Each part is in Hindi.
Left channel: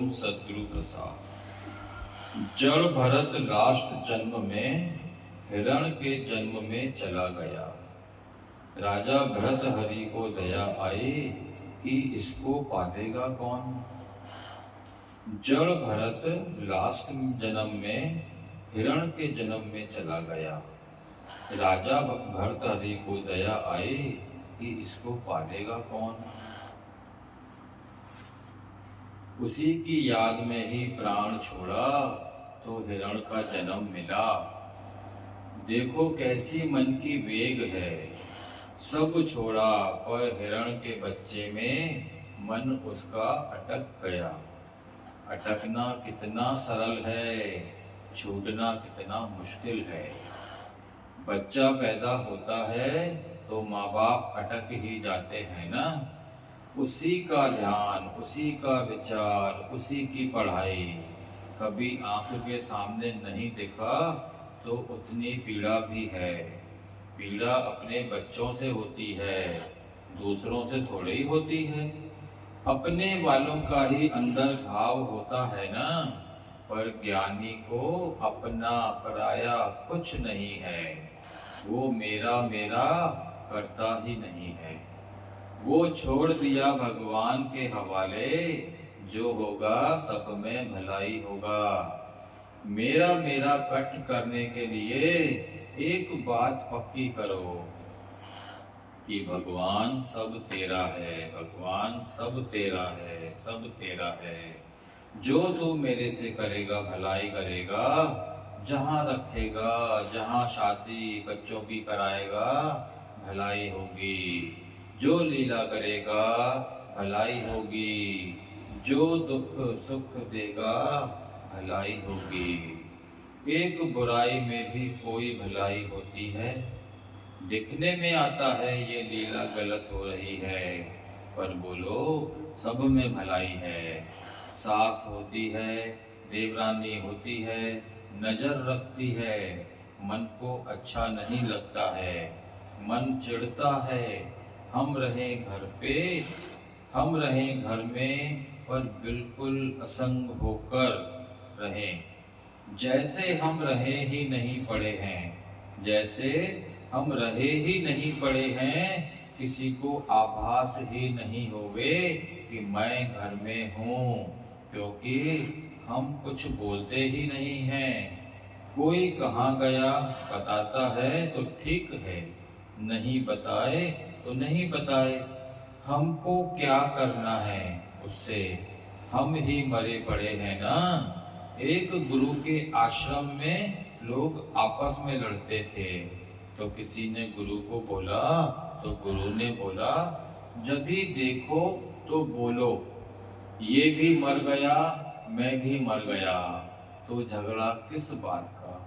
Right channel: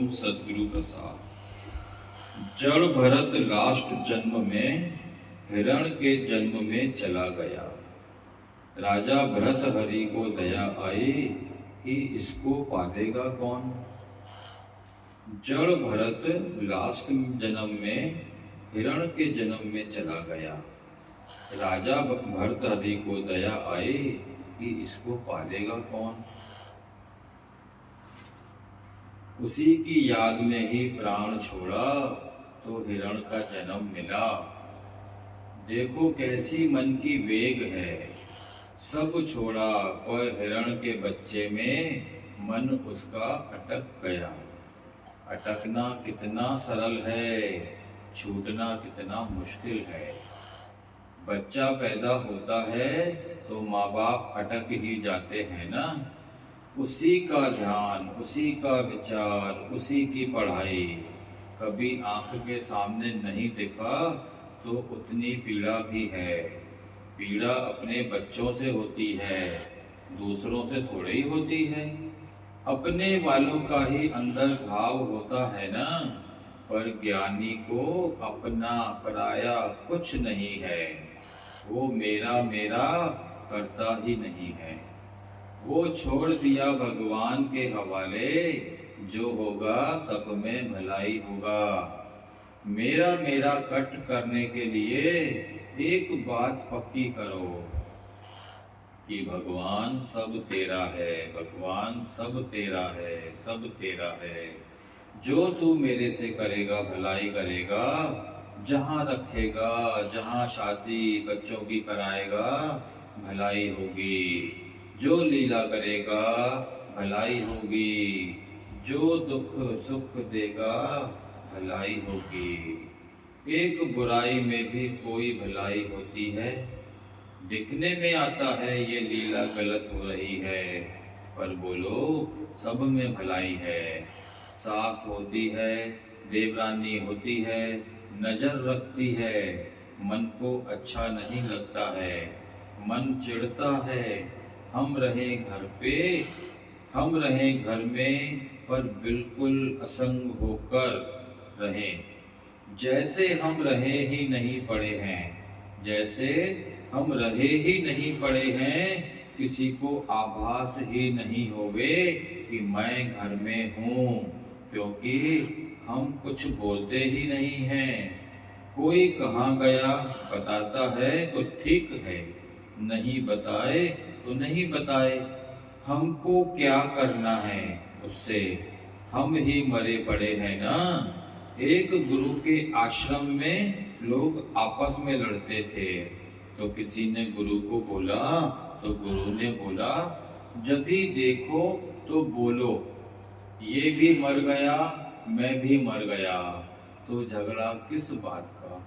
ओम सद्गुरु प्रसाद। जड़ भरत लास्ट जन्म में हिरण के जन्म में चला गया। राजा भरत हरि को दया आई कि इसको पालेगा कौन। जड़ भरत लास्ट जन्म में हिरण के जन्म में चला गया। राजा भरत हरि को दया आई कि इसको पालेगा कौन। उसी की याद में ही प्राण छोड़ा तो हिरण का जन्म मिला। देखो कैसी मन की वेग है, सब छोड़ा पर हिरण के बच्चे में मन उसका अटक गया। अटकना कितना सरल है, छूटना कितना मुश्किल है। बच्चा पैदा होता है तो माँ बाप अटक ही जाते हैं ना। उसी का ध्यान, उसी का विचार, उसी की पढ़ाई कभी आंख के सामने नहीं दिखा तो उतनी पीड़ा भी है। पीड़ा अपने बच्चों से होती है, दूसरों से थोड़ी ही होती है। अपने वालों का ही अंदर घाव होता है ना। पर ज्ञानी को अपना पराया कुछ नहीं है। वो मेरा मेरा करता ही नहीं है। वो छोड़ दिया भगवान के हवाले, जो होगा सब में भलाई होगा। मेरा मेरा कट करने के लिए एक बात पक्की करो कि भगवान सब तेरा है, भगवान सब तेरा है, सब तेरा है। जो तू मेरे से करेगा भलाई करेगा। जहाँ रखेगा, जहाँ शादी बच्चों की कराएगा भलाई होगी। जो लीला करेगा भलाई होगी। जो दुख सुख देगा भलाई होगी। एक बुराई में भी कोई भलाई होती है। दिखने में आता है ये लीला गलत हो रही है, पर बोलो सब में भलाई है। सास होती है, देवरानी होती है, नजर रखती है, मन को अच्छा नहीं लगता है, मन चिढ़ता है। हम रहे घर पे, हम रहे घर में, पर बिल्कुल असंग होकर रहें। जैसे हम रहे ही नहीं पड़े हैं, जैसे हम रहे ही नहीं पड़े हैं। किसी को आभास ही नहीं होवे कि मैं घर में हूँ, क्योंकि हम कुछ बोलते ही नहीं हैं। कोई कहाँ गया बताता है तो ठीक है, नहीं बताए तो नहीं बताए। हमको क्या करना है उससे, हम ही मरे पड़े हैं ना। एक गुरु के आश्रम में लोग आपस में लड़ते थे, तो किसी ने गुरु को बोला, तो गुरु ने बोला जब भी देखो तो बोलो, ये भी मर गया मैं भी मर गया, तो झगड़ा किस बात का।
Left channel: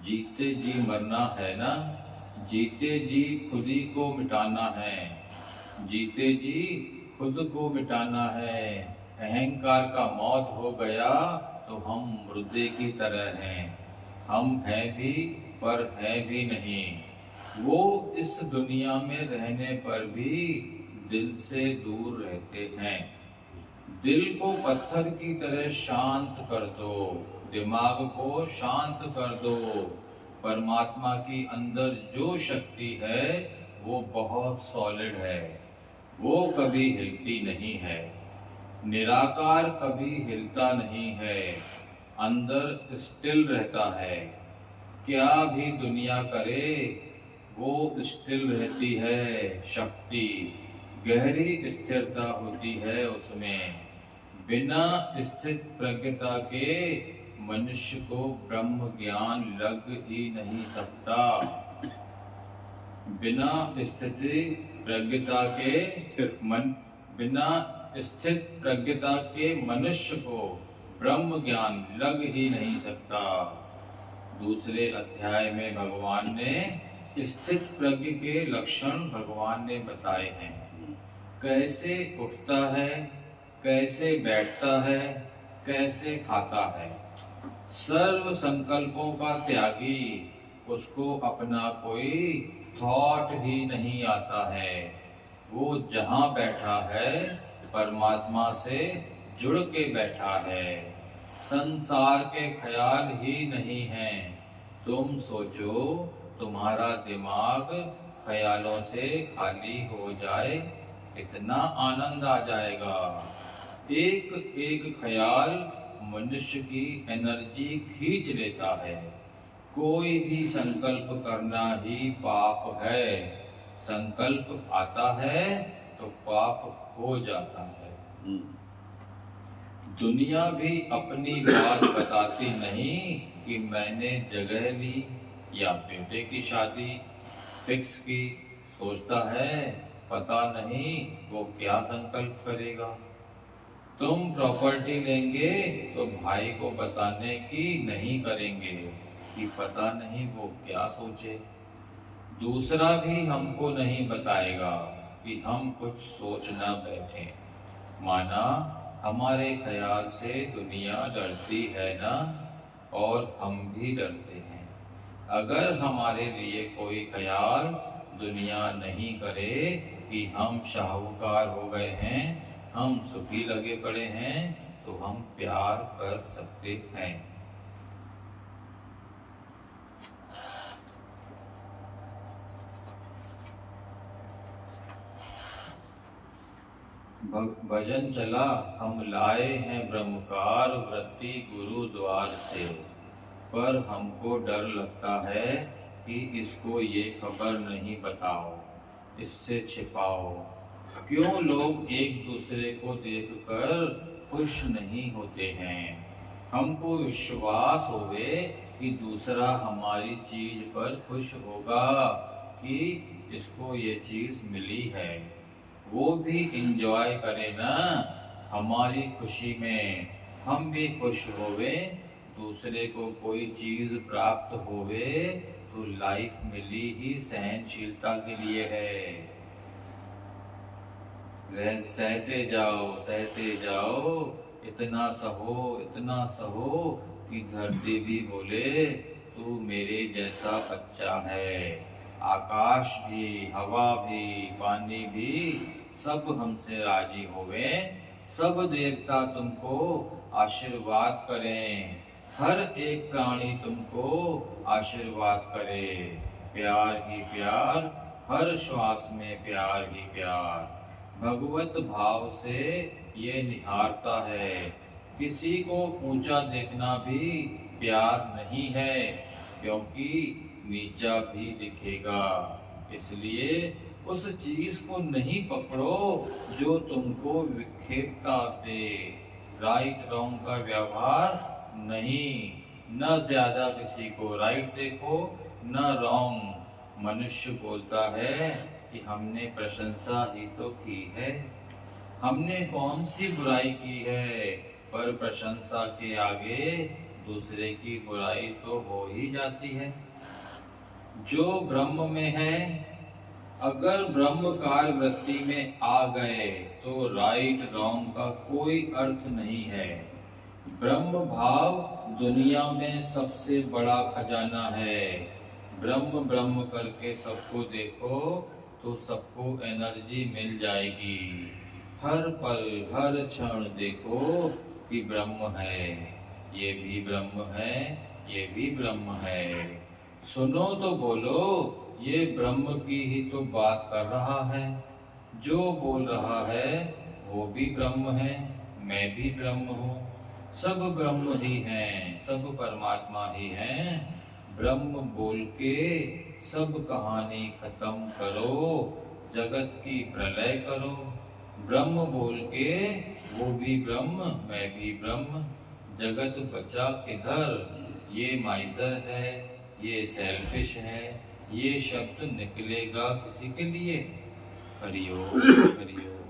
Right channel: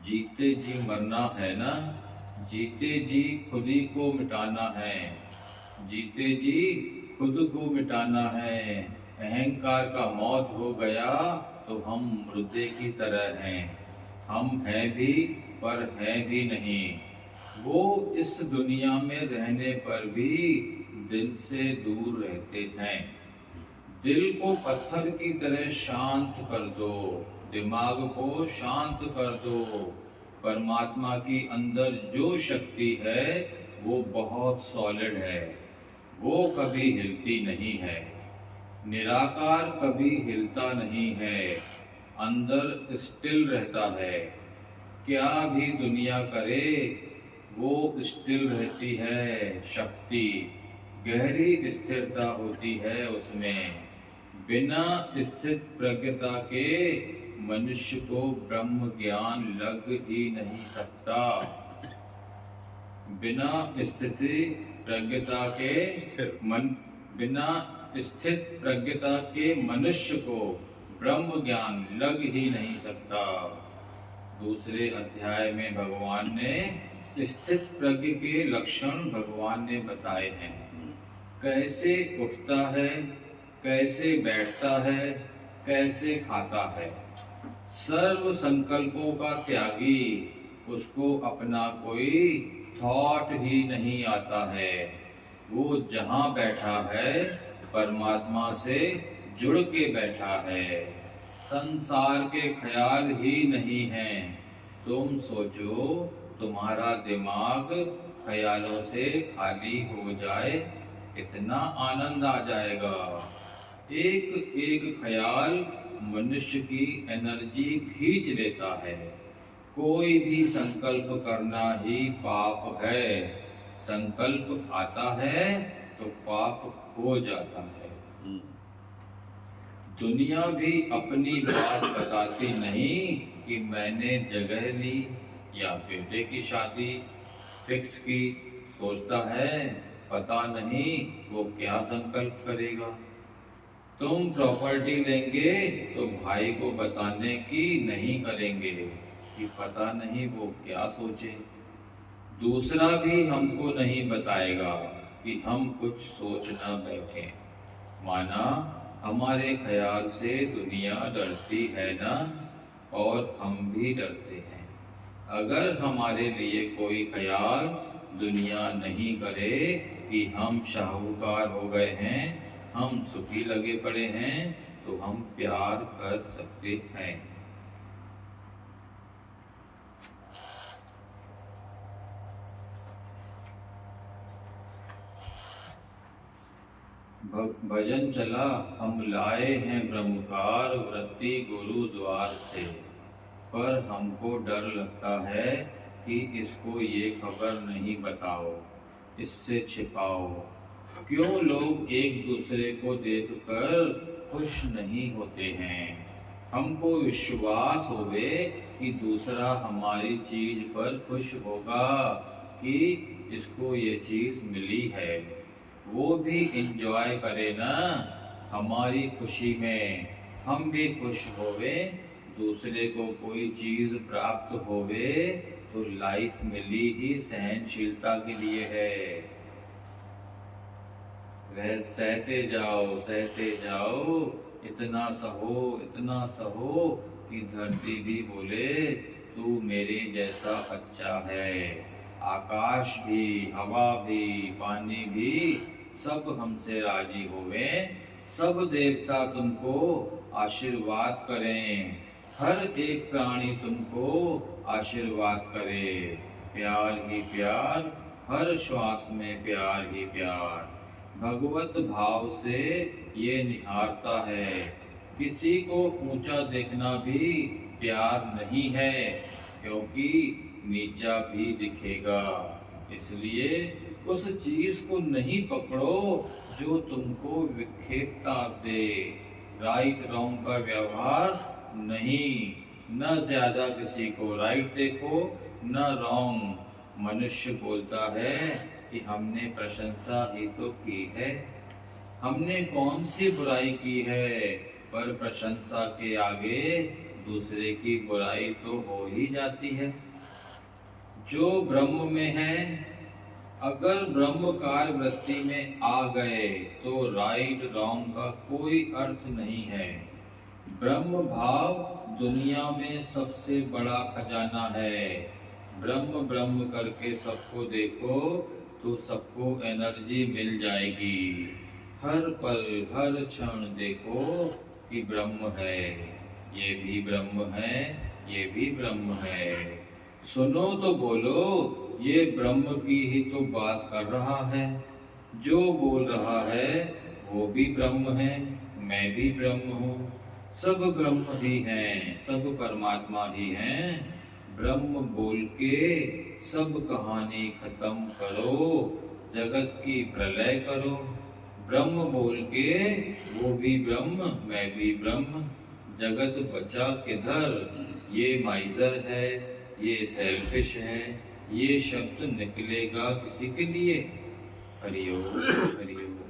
जीते जी मरना है ना, जीते जी खुद ही को मिटाना है। जीते जी खुद को मिटाना है। अहंकार का मौत हो गया तो हम मुर्दे की तरह हैं। हम हैं भी पर हैं भी नहीं। वो इस दुनिया में रहने पर भी दिल से दूर रहते हैं। दिल को पत्थर की तरह शांत कर दो, दिमाग को शांत कर दो। परमात्मा की अंदर जो शक्ति है वो बहुत सॉलिड है, वो कभी हिलती नहीं है। निराकार कभी हिलता नहीं है, अंदर स्टिल रहता है। क्या भी दुनिया करे वो स्टिल रहती है। शक्ति गहरी स्थिरता होती है उसमें। बिना स्थित प्रज्ञता के मनुष्य को ब्रह्म ज्ञान लग ही नहीं सकता। बिना स्थिति प्रज्ञता के बिना स्थित प्रज्ञता के मनुष्य को ब्रह्म ज्ञान लग ही नहीं सकता। दूसरे अध्याय में भगवान ने स्थित प्रज्ञ के लक्षण भगवान ने बताए हैं। कैसे उठता है, कैसे बैठता है, कैसे खाता है। सर्व संकल्पों का त्यागी, उसको अपना कोई थॉट ही नहीं आता है। वो जहाँ बैठा है परमात्मा से जुड़ के बैठा है। संसार के ख्याल ही नहीं हैं। तुम सोचो, तुम्हारा दिमाग ख्यालों से खाली हो जाए, कितना आनंद आ जाएगा। एक एक ख्याल मनुष्य की एनर्जी खींच लेता है। कोई भी संकल्प करना ही पाप है। संकल्प आता है तो पाप हो जाता है। दुनिया भी अपनी बात बताती नहीं कि मैंने जगह ली या बेटे की शादी फिक्स की। सोचता है पता नहीं वो क्या संकल्प करेगा। तुम प्रॉपर्टी लेंगे तो भाई को बताने की नहीं करेंगे कि पता नहीं वो क्या सोचे। दूसरा भी हमको नहीं बताएगा कि हम कुछ सोच ना बैठे। माना हमारे ख्याल से दुनिया डरती है ना, और हम भी डरते हैं। अगर हमारे लिए कोई ख्याल दुनिया नहीं करे कि हम शाहूकार हो गए हैं, हम सुखी लगे पड़े हैं, तो हम प्यार कर सकते हैं। भजन चला हम लाए हैं ब्रह्मकार वृत्ति गुरुद्वार से, पर हमको डर लगता है कि इसको ये खबर नहीं बताओ, इससे छिपाओ। क्यों लोग एक दूसरे को देखकर खुश नहीं होते हैं? हमको विश्वास होवे कि दूसरा हमारी चीज पर खुश होगा कि इसको ये चीज मिली है। वो भी इंजॉय करे ना हमारी खुशी में, हम भी खुश होवे। दूसरे को कोई चीज प्राप्त होवे तो लाइफ मिली ही सहनशीलता के लिए है। सहते जाओ, इतना सहो कि धरती भी बोले तू मेरे जैसा बच्चा है। आकाश भी, हवा भी, पानी भी सब हमसे राजी होवे। सब देवता तुमको आशीर्वाद करें, हर एक प्राणी तुमको आशीर्वाद करे। प्यार ही प्यार, हर श्वास में प्यार ही प्यार। भगवत भाव से ये निहारता है। किसी को ऊंचा देखना भी प्यार नहीं है, क्योंकि नीचा भी दिखेगा। इसलिए उस चीज को नहीं पकड़ो जो तुमको विक्षेपता दे। राइट रॉन्ग का व्यवहार नहीं, न ज्यादा किसी को राइट देखो न रॉन्ग। मनुष्य बोलता है कि हमने प्रशंसा ही तो की है, हमने कौन सी बुराई की है, पर प्रशंसा के आगे दूसरे की बुराई तो हो ही जाती है। जो ब्रह्म में है, अगर ब्रह्मकार वृत्ति में आ गए तो राइट रॉन्ग का कोई अर्थ नहीं है। ब्रह्म भाव दुनिया में सबसे बड़ा खजाना है। ब्रह्म ब्रह्म करके सबको देखो तो सबको एनर्जी मिल जाएगी। हर पल हर क्षण देखो कि ब्रह्म है, ये भी ब्रह्म है, ये भी ब्रह्म है। सुनो तो बोलो, ये ब्रह्म की ही तो बात कर रहा है। जो बोल रहा है वो भी ब्रह्म है, मैं भी ब्रह्म हूँ। सब ब्रह्म ही हैं, सब परमात्मा ही हैं। ब्रह्म बोल के सब कहानी खत्म करो, जगत की प्रलय करो। ब्रह्म बोल के वो भी ब्रह्म, मैं भी ब्रह्म। जगत बचा किधर? ये माइजर है, ये सेल्फिश है, ये शब्द निकलेगा किसी के लिए? हरिओम हरिओम।